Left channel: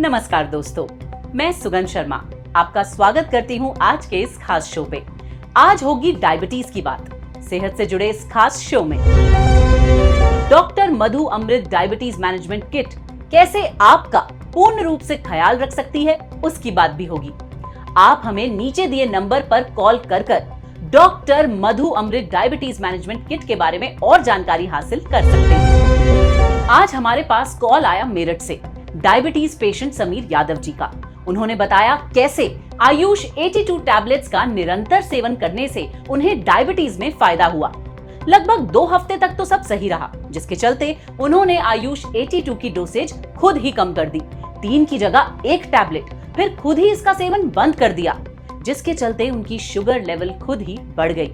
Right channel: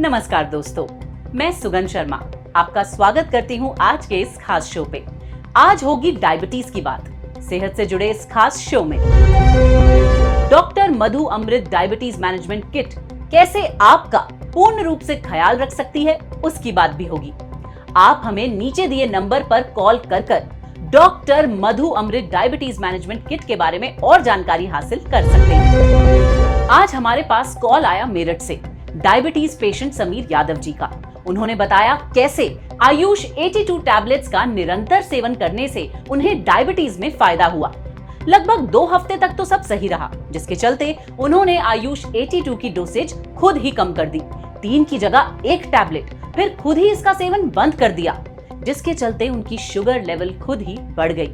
नमस्कार दोस्तों, मैं सुगंध शर्मा आपका स्वागत करती हूँ आज के इस खास शो पे। आज होगी डायबिटीज की बात। सेहत से जुड़े इस खास शो में डॉक्टर मधु अमृत डायबिटीज मैनेजमेंट किट कैसे आपका पूर्ण रूप से ख्याल रख सकती है, उसकी बात भी होगी। आप हमें नीचे दिए नंबर पर कॉल कर डॉक्टर मधु अमृत डायबिटीज मैनेजमेंट किट के बारे में और जानकारी हासिल कर सकते हैं। आज हमारे पास कॉल आया मेरठ से डायबिटीज पेशेंट समीर यादव जी का। उन्होंने बताया कैसे आयुष 82 टैबलेट्स का निरंतर सेवन करने से उन्हें डायबिटीज में फायदा हुआ। लगभग 2 हफ्ते तक तो सब सही रहा, जिसके चलते उन्होंने आयुष 82 की डोसेज खुद ही कम कर दी। 3 की जगह 1 टैबलेट, फिर खुद ही इसका सेवन बंद कर दिया, जिसके चलते उनकी शुगर लेवल खुद ही बढ़ गई।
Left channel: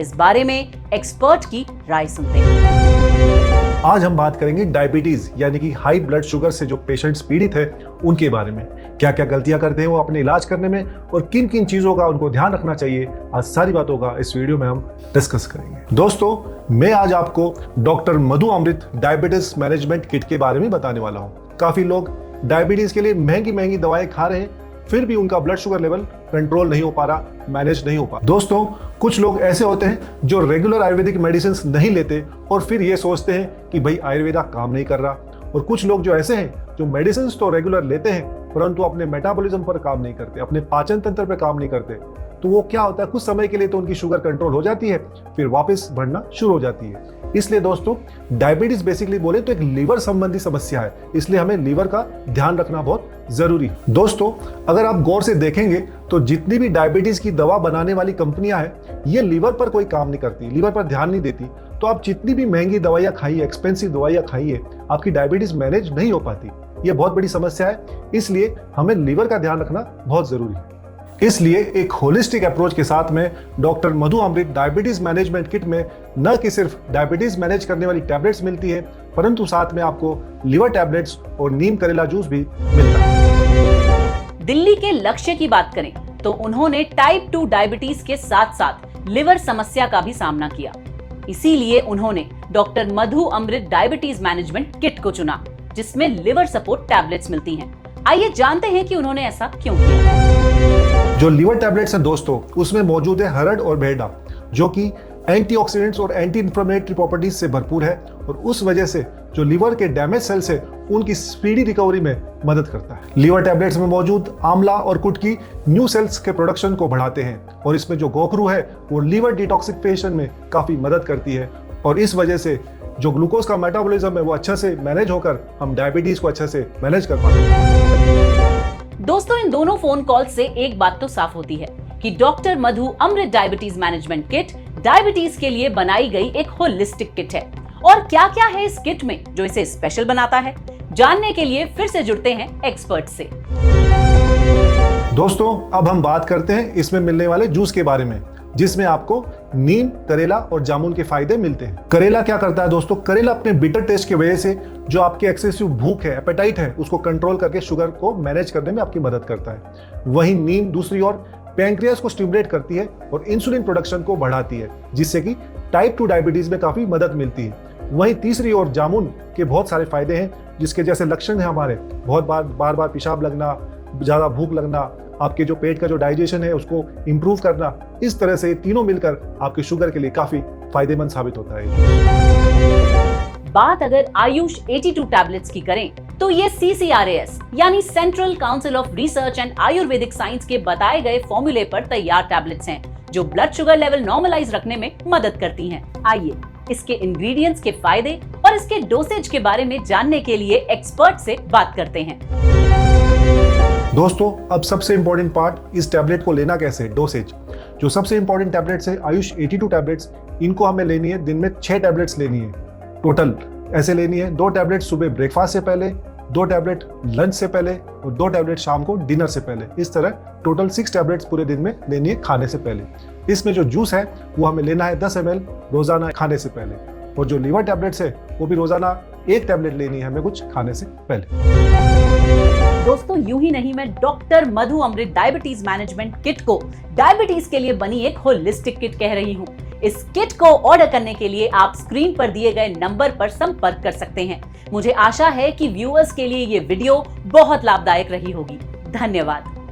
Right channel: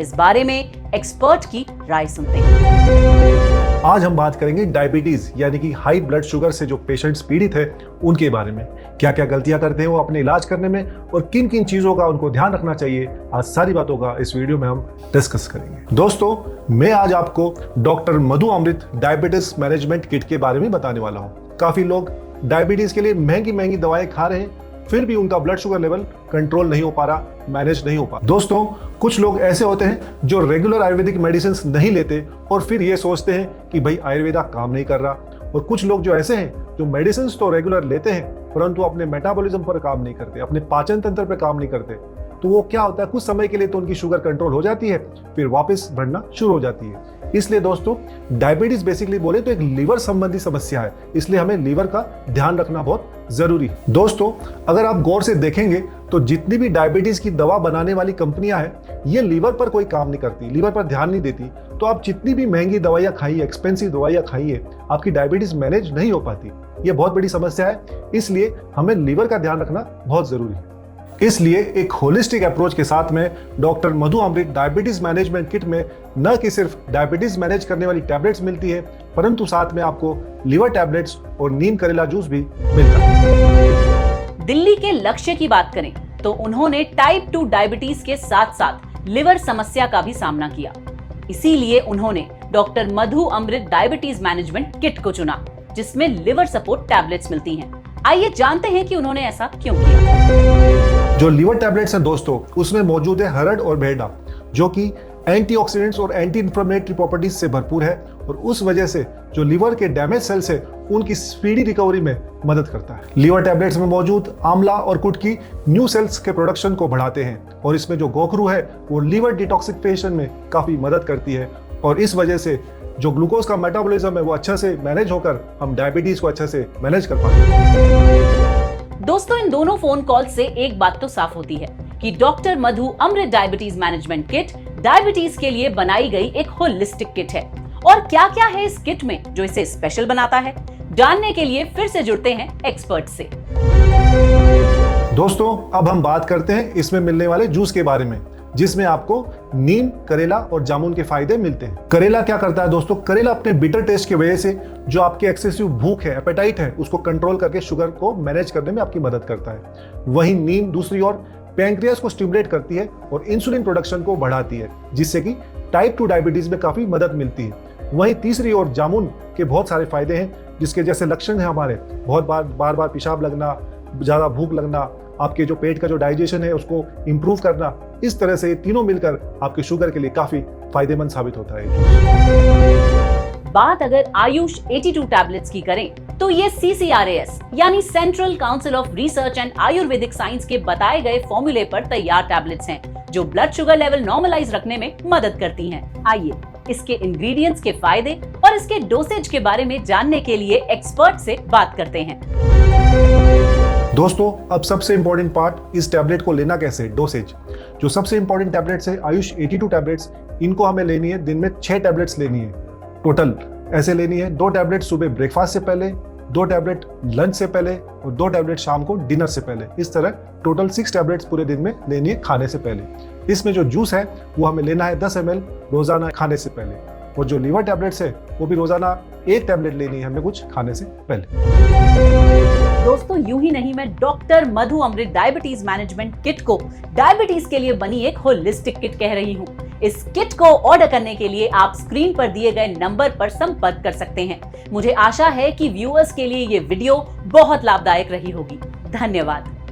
इस बारे में एक्सपर्ट की राय सुनते हैं। आज हम बात करेंगे डायबिटीज यानी कि हाई ब्लड शुगर से जो पेशेंट्स पीड़ित हैं उनके बारे में। क्या क्या गलतियां करते हैं वो अपने इलाज करने में और किन किन चीजों का उनको ध्यान रखना चाहिए, आज सारी बातों का इस वीडियो में हम डिस्कस करेंगे। दोस्तों, मैं आज आपको डॉक्टर मधु अमृत डायबिटीज मैनेजमेंट किट के बारे में बताने वाला हूँ। काफी लोग डायबिटीज के लिए महंगी महंगी दवाएं खा रहे हैं, फिर भी उनका ब्लड शुगर लेवल कंट्रोल नहीं हो पा रहा, मैनेज नहीं हो पा रहा। दोस्तों, कुछ लोग ऐसे होते हैं जो रेगुलर आयुर्वेदिक मेडिसिन नहीं लेते और फिर ये सोचते हैं कि भाई आयुर्वेदा काम नहीं कर रहा। और कुछ लोग जो ऐसे हैं जो मेडिसिन तो रेगुलर लेते हैं परंतु अपने मेटाबॉलिज्म पर काम नहीं करते, अपने पाचन तंत्र पर काम नहीं करते। तो वो क्या होता है, कुछ समय के लिए तो उनकी शुगर कंट्रोल हो जाती है, फिर वापस बढ़ना शुरू हो जाती है। इसलिए दोस्तों, डायबिटीज बेसिकली बोले तो एक लीवर संबंधी समस्या है, इसलिए हमें लीवर का ध्यान रखना बहुत जरूरी है। दोस्तों, अगर आप गौर से देखेंगे तो जितनी भी डायबिटीज की दवा बनाने वाली कंपनियां हैं, ये लीवर पर कोई काम नहीं करती, लीवर पर ध्यान नहीं देती। तो आप जितनी भी महंगी दवाइयां खाई, एक्सपेंसिव दवाइयां खाई है, आपकी डायबिटीज मैनेज नहीं हो पाती। ये बहुत बड़ी समस्या है, इसलिए हमें लीवर का ध्यान रखना बहुत जरूरी है। इसलिए एक होलिस्टिक अप्रोच के साथ में डॉक्टर मधु अमृत डायबिटीज मैनेजमेंट किट में न कि सिर्फ डायबिटीज मैनेज करने वाली टैबलेट्स मिलती है, परंतु साथ में आपको लीवर टैबलेट्स और नीम करेला जूस भी मिलता है। दिल्ली के लक्ष्य की बात करें तो उन्होंने टाइप 2 डायबिटीज के साथ साथ लिवर समस्या का भी सामना किया। इसीलिए उन्होंने डॉक्टर मधु अमृत डायबिटीज मैनेजमेंट किट को चुना, जिसमें लिवर सपोर्ट टैबलेट्स मिलती हैं। आइए जानते हैं कि उन्होंने ऐसा क्यों किया। जो लीवर टैबलेट्स हैं दोस्तों, उसमें मौजूद है हरड़ और बेहडा, जो कि एंटीऑक्सीडेंट्स और एंटी इंफ्लेमेटरी प्रॉपर्टीज से भरपूर है और उस वजह से जो लीवर के डैमेज सेल्स है उनकी स्पीडी रिकवरी में मदद करता है। लीवर टैबलेट्स में मौजूद आंवला और कुट की न्यू सेल्स के प्रोडक्शन को बढ़ाते हैं और इसमें जो गोखरू है वो लीवर डिटॉक्सिफिकेशन में काफी मदद करती है और इस वजह से जो ग्लूकोज का मेटाबॉलिज्म है वो अच्छा से मैनेज होकर हम डायबिटीज को अच्छा से मैनेज कर पाते हैं। दोस्तों, इन दोनों फोन कॉल से एक बात तो साफ होती है कि डॉक्टर मधु अमृत डायबिटीज मैनेजमेंट किट डायबिटीज के लिए बनाई गई एक होलिस्टिक किट है। और क्या क्या है इस किट में जो इसे स्पेशल बनाता है, जानने के लिए फिर से जुड़ते हैं एक्सपर्ट से। दोस्तों, अब हम बात करते हैं इसमें मिलने वाले जूस के बारे में, जिसमें आपको नीम, करेला और जामुन के फायदे मिलते हैं। करेला क्या करता है दोस्तों, करेला अपने बिटर टेस्ट की वजह से जो आपकी एक्सेसिव भूख है, एपेटाइट है, उसको कंट्रोल करके शुगर को मैनेज करने में आपकी मदद करता है। वहीं नीम दूसरी ओर पैंक्रियास को स्टिमुलेट करती है और इंसुलिन प्रोडक्शन को बढ़ाती है, जिससे कि टाइप 2 डायबिटीज में काफी मदद मिलती है। वहीं तीसरी ओर जामुन के बहुत सारे फायदे हैं, जिसके जैसे लक्षण है हमारे बहुत बार बार पेशाब लगना, ज्यादा भूख लगना, आपके जो पेट का जो डाइजेशन है उसको इंप्रूव करना, इस तरह से तीनों मिलकर आपके शुगर के लिए काफी फायदेमंद साबित होता है। बात अगर आयुष 82 टैबलेट्स की करें तो ये CCRAS यानी central council of research and Ayurvedic science के बताए गए फॉर्मूले पर तैयार टैबलेट्स हैं, जो ब्लड शुगर लेवल नॉर्मलाइज रखने में मदद करती हैं। आइए इसके इंग्रेडिएंट्स के फायदे और इसके डोसेज के बारे में जानने के लिए एक्सपर्ट से बात करते हैं। दोस्तों, अब सबसे इंपॉर्टेंट पार्ट, इस टैबलेट को लेना कैसे, डोसेज। जो सबसे इंपॉर्टेंट टैबलेट्स है आयुष 82 टैबलेट्स, इनको हमें लेनी है दिन में 6 टैबलेट्स लेनी है टोटल। ऐसे लेनी है 2 टैबलेट सुबह ब्रेकफास्ट से पहले, 2 टैबलेट लंच से पहले और 2 टैबलेट शाम को डिनर से पहले। इस तरह टोटल 6 टैबलेट्स पूरे दिन में लेनी है खाने से पहले। इसमें जो जूस है वो हमें लेना है 10 ml रोजाना खाने से पहले, और जो लीवर टैबलेट्स है वो भी रोजाना 1 टैबलेट लेनी है हमें कुछ खाने से पहले। दोस्तों, यूं ही नहीं, मैं डॉक्टर मधु अमृत डायबिटीज मैनेजमेंट किट को डायबिटीज के लिए बनी एक होलिस्टिक किट कह रही हूं। इस किट को ऑर्डर करने के लिए आप स्क्रीन पर दिए गए नंबर पर संपर्क कर सकते हैं। मुझे आशा है कि व्यूअर्स के लिए ये वीडियो बहुत लाभदायक रही होगी। धन्यवाद।